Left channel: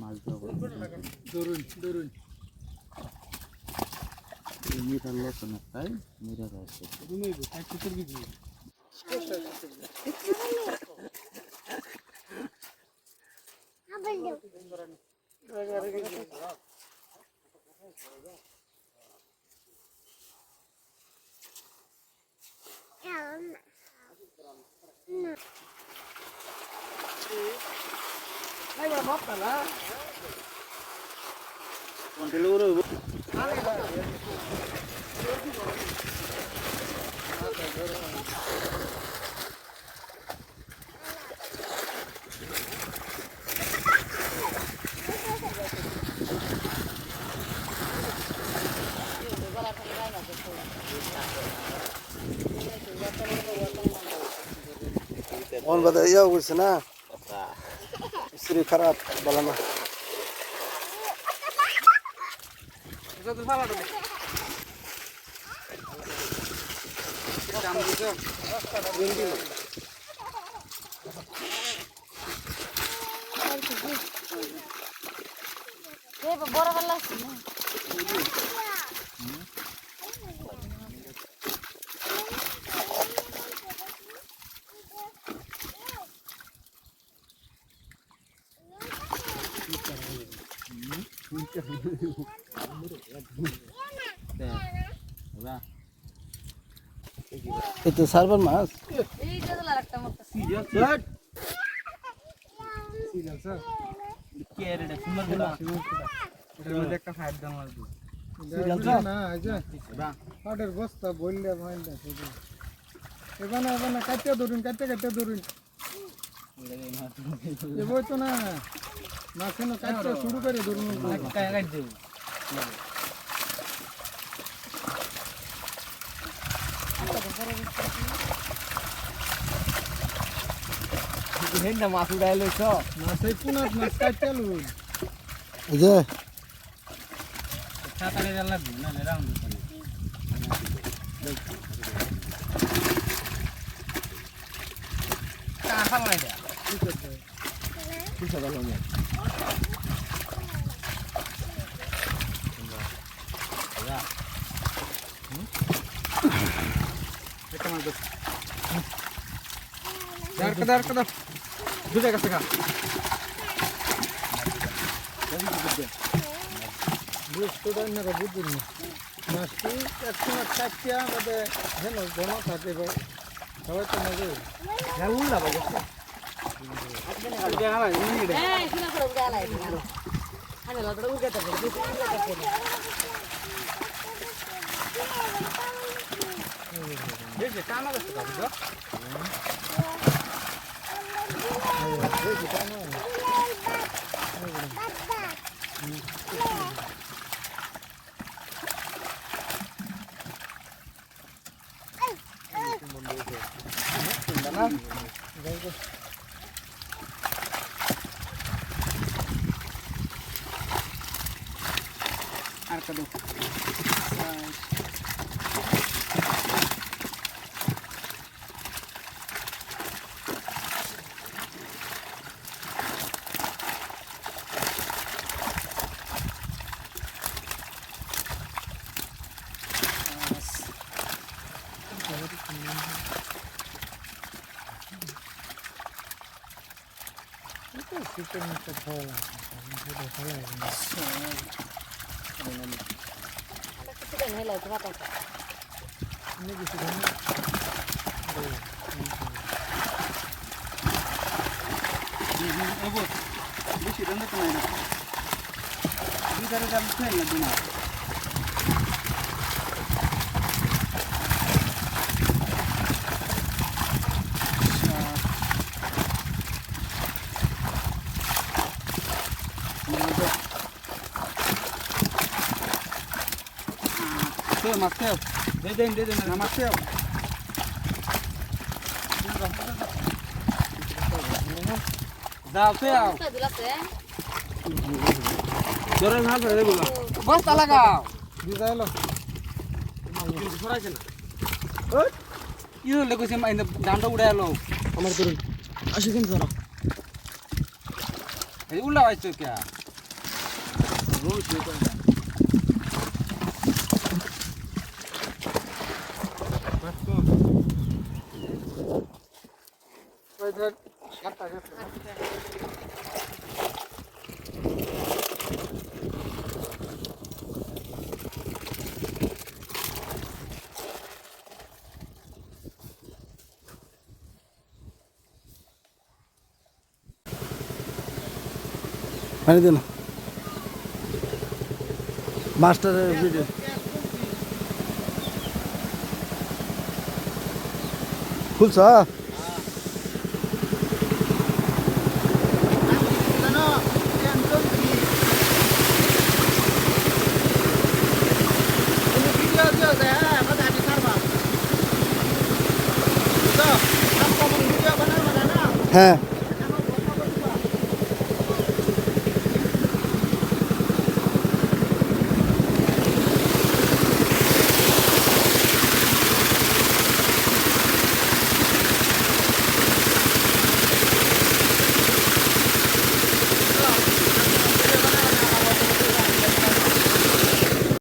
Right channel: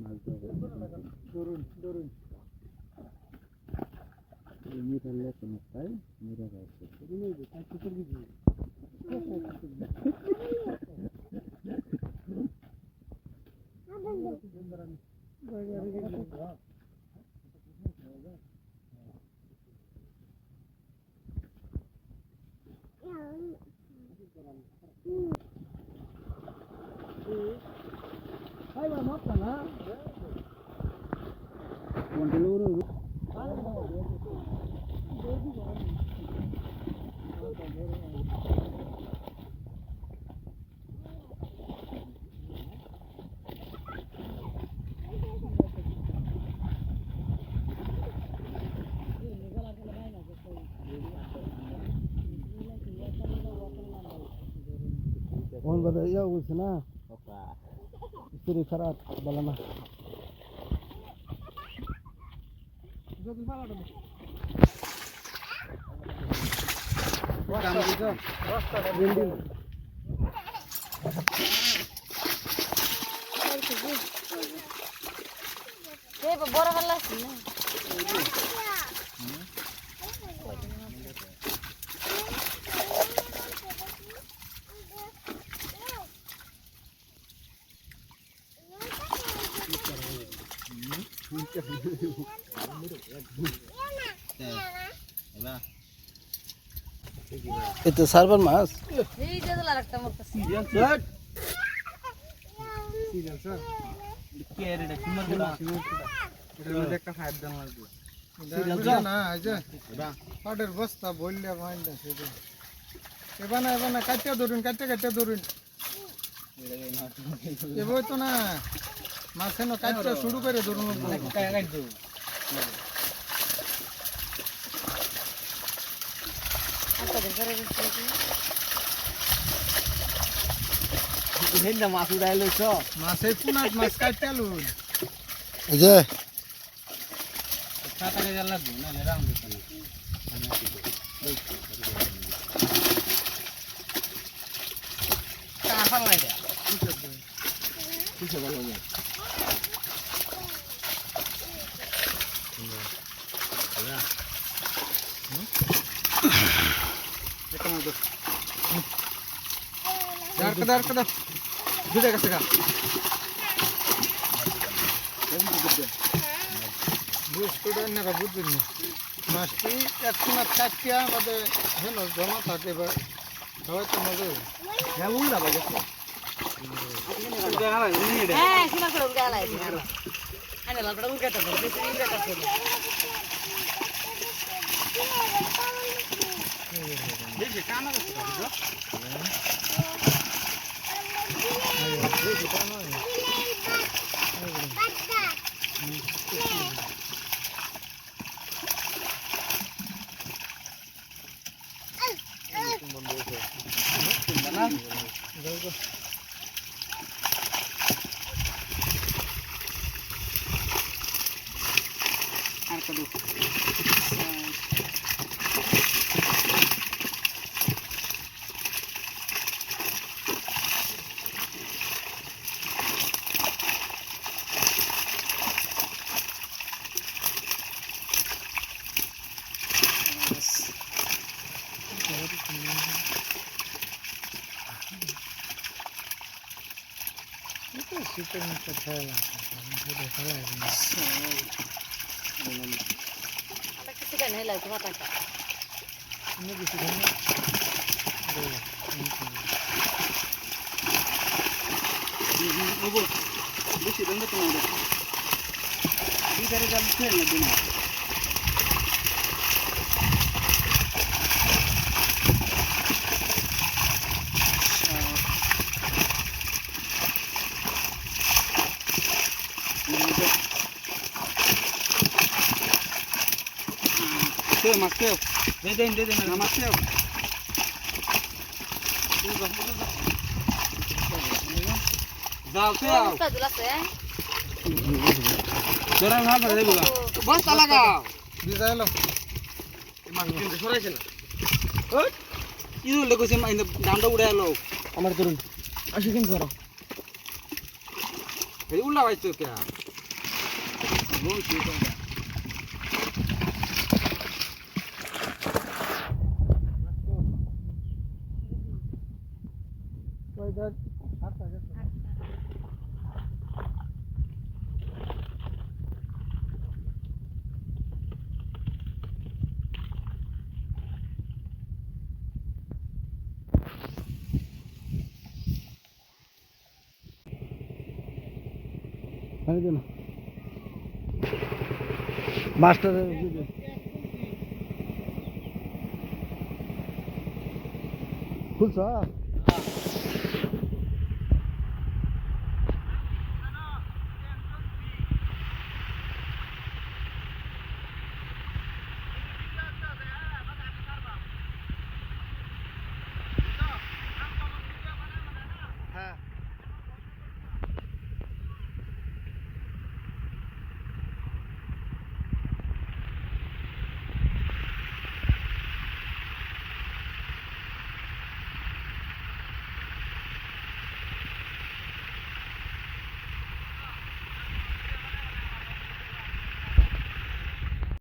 মাছ ধরুন ধরুন মিরার লসন তাই মিরার আছে তুমি একটু করবি কি On bada iya wis na. Istri kharap balana. কাম দিছো বিন্দি এই বড় ভালো আছে না Itu sarban mas. এই যে দলা রাখতাম ওটা সিরিয়াল স্যার কি এর এটা সুন্দর না এটা একটা ফাইট দাম লাগবে সিরিয়াল না আইজা পাউডার বস্তা বললে ভাইলা সেটা এবানা এবানা কাটতে ধরুন এবার তো না মাছ না কাটতে শুরু করে ধরুন কাট দেব মাছ উড়াইলো তো মাছে কোন মাছ কাটতে লুন এই যে ছাতারে যা লাগবে না রাউন্ড দিতে কা ফালাই দে কি সব ভালো না এটা মাছ দাঁড় কর দুটো কাছে কা বুঝতে না বুঝুন মাছটি একশো টাকা বাদে হেন জমা থাকে সবাই তো মজা ভালো লাগে হ্যাঁ শুনা করুন গেলা আরে লাগড়া উগাতে বলছি দেখে কানা করতে পারবে আর কত শীতের মতো ভালো লাগে ভালো লাগে কিছু দেন হেলা তো কথা আমি কিছু জানি ওগো বেশি দেন তো না ভিতরে দাম ফেল লাগবে না Mateo, de Mateo. Mateo. Jora na de gulo. Basta lagao. Dizailo. কিন্তু সরাইছে না। ওই ইউ লেগেছে ডান্ডা উড়াইলো আমার ধরে আসি কিন্তু ধরো এই উল্লা হইছো কে ওই ধর সাতটা গেছে পানি দিন মাস্টারের ভিডিও খুলছ হ্যাঁ